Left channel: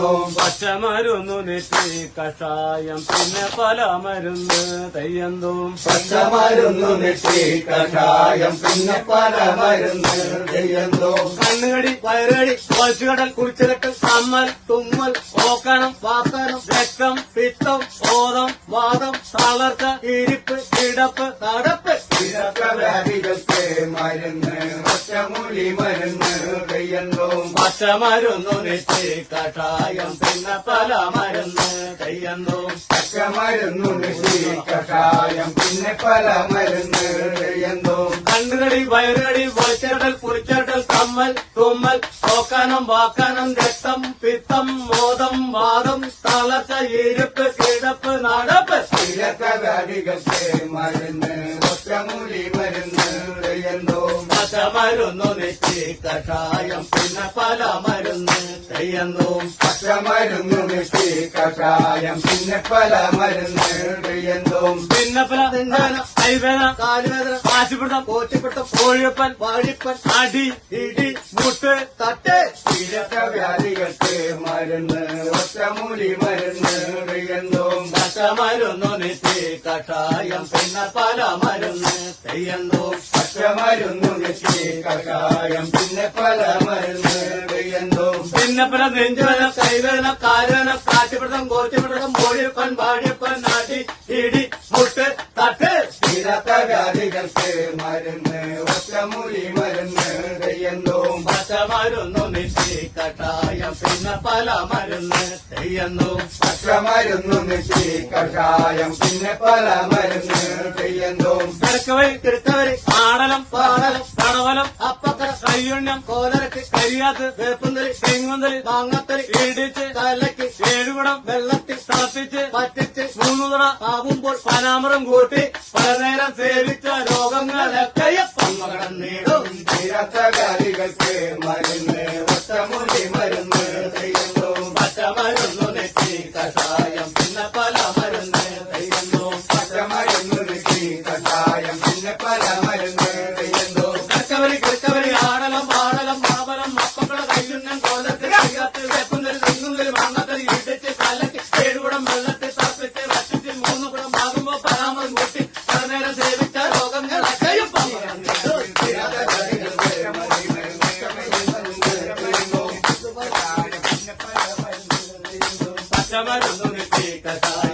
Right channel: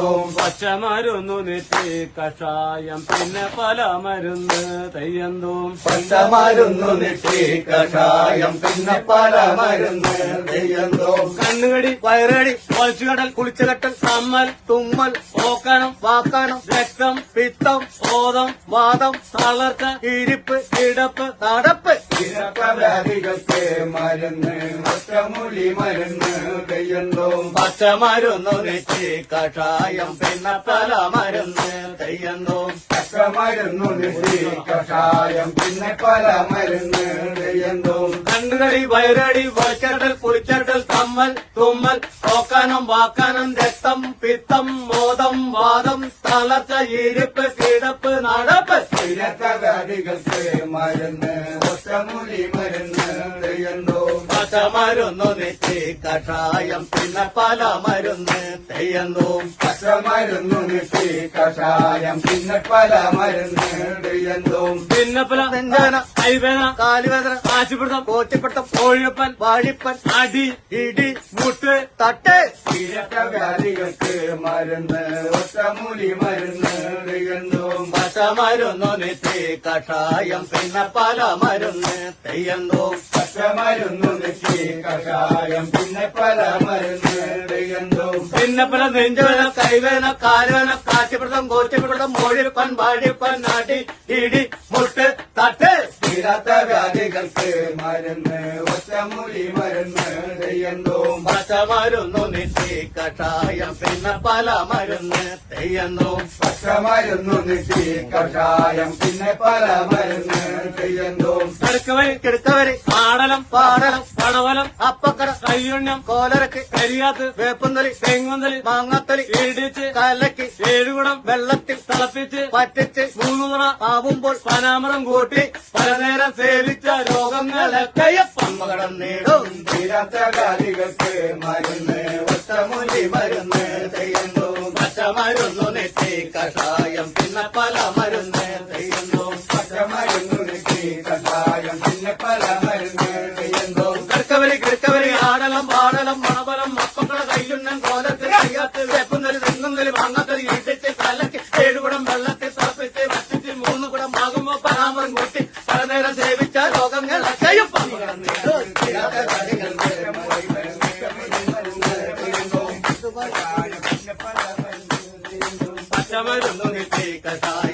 പച്ചമരുന്നു നെറ്റി കഷായം പിന്നെ പല മരുന്ന് തെയ്യന്തോം. പച്ചമരുന്നു നെറ്റി കഷായം പിന്നെ പല മരുന്ന് തെയ്യന്തോ. കണ്ണുകടി വയറുകടി വലിച്ചുകടൽ കുളിച്ചുകെട്ടൽ കമ്മൽ തുമ്മൽ ഓക്കാനം വാക്കാനം രക്തം പിത്തം ബോധം വാദം തളർച്ച ഇരിപ്പ് കിടപ്പ് നടപ്പ് വ്യാധികൾക്ക് മരുന്ന് ഒറ്റമൂലി മരുന്ന് തെയ്യന്തോ. പച്ചമരുന്നു നെറ്റി കഷായം പിന്നെ പല മരുന്ന് തെയ്യന്തോം. പച്ചമരുന്നു നെറ്റി കഷായം പിന്നെ പല മരുന്ന് തെയ്യന്തോ. കണ്ണുകടി വയറുകടി വലിച്ചുകടൽ കുളിച്ചുകെട്ടൽ കമ്മൽ തുമ്മൽ ഓക്കാനം വാക്കാനം രക്തം പിത്തം ബോധം വാദം തളർച്ച ഇരിപ്പ് കിടപ്പ് നടപ്പ് വ്യാധികൾക്ക് മരുന്ന് ഒറ്റമൂലി മരുന്ന് തെയ്യന്തോ. പച്ചമരുന്നു നെറ്റി കഷായം പിന്നെ പല മരുന്ന് തെയ്യന്തോം. പച്ചമരുന്നു നെറ്റി കഷായം പിന്നെ പല മരുന്ന് തെയ്യന്തോ. പിന്നെ പല നെഞ്ചുവേദന കൈവേദന കാലുവേദന കാശിപ്പിടുത്തം കോച്ചിപ്പിടുത്തം കോഴിയപ്പൻ വാഴിപ്പൻ അടി ഇടി മുട്ട് തട്ട് വ്യാധികൾക്ക് മരുന്ന് ഒറ്റമൂലി മരുന്ന് തെയ്യന്തോ. പച്ചമരുന്നു നെറ്റി കഷായം പിന്നെ പല മരുന്ന് തെയ്യന്തോം. പച്ചമരുന്നു നെറ്റി കഷായം പിന്നെ പല മരുന്ന് തെയ്യന്തോ. പിന്നെ പല നെഞ്ചുവേദന കൈവേദന കാലുവേദന കാശിപ്പിടുത്തം കോച്ചിപ്പിടുത്തം കോഴിയപ്പൻ വാഴിപ്പൻ അടി ഇടി മുട്ട് തട്ട് വ്യാധികൾക്ക് മരുന്ന് ഒറ്റമൂലി മരുന്ന് തെയ്യന്തോ. പച്ചമരുന്നു നെറ്റി കഷായം പിന്നെ പല മരുന്ന് തെയ്യന്തോം. പച്ചമരുന്നു നെറ്റി കഷായം പിന്നെ പല മരുന്ന് തെയ്യന്തോ. കിടക്കവരി കിടക്കവരി ആടലം പാടലം പടവലം അപ്പക്കട കയ്യുണ്ണം കോലരക്ക് കരിയാത്ത് വേപ്പന്തലി തെങ്ങുന്തലി മാങ്ങത്തലി ഇടിച്ച് കലക്കി ഏഴുകുടം വെള്ളത്തിൽ തിളപ്പിച്ച് പറ്റിച്ച് മൂന്നുതറ ആവുമ്പോൾ പനാമരം കൂട്ടി പലനേരം സേവിച്ച രോഗങ്ങളൊക്കെ പന്മകടം നേടും. വ്യാധികൾക്ക് മരുന്ന് ഒറ്റമൂലി മരുന്ന് തെയ്യന്തോ. പച്ചമരുന്നു നെറ്റി കഷായം പിന്നെ പല മരുന്ന് തെയ്യന്തോ. പച്ചമരുന്നു നെറ്റി കഷായം പിന്നെ പല മരുന്ന് തെയ്യന്തോ. കിടക്കവരി കിടക്കവരി ആടലം പാടലം പടവലം അപ്പക്കട കയ്യുണ്ണം കോലരക്ക് കരിയാത്ത് വേപ്പന്തലി തെങ്ങുന്തലി മാങ്ങത്തലി ഇടിച്ച് കലക്കി ഏഴുകുടം വെള്ളത്തിൽ തിളപ്പിച്ച് വറ്റിച്ച് മൂന്നുകുടം ആകുമ്പോ പനാമരം കൂട്ടി പലനേരം സേവിച്ച രോഗങ്ങളൊക്കെ പന്മകടം നേടും. പച്ചമരുന്നു നെറ്റി കഷായം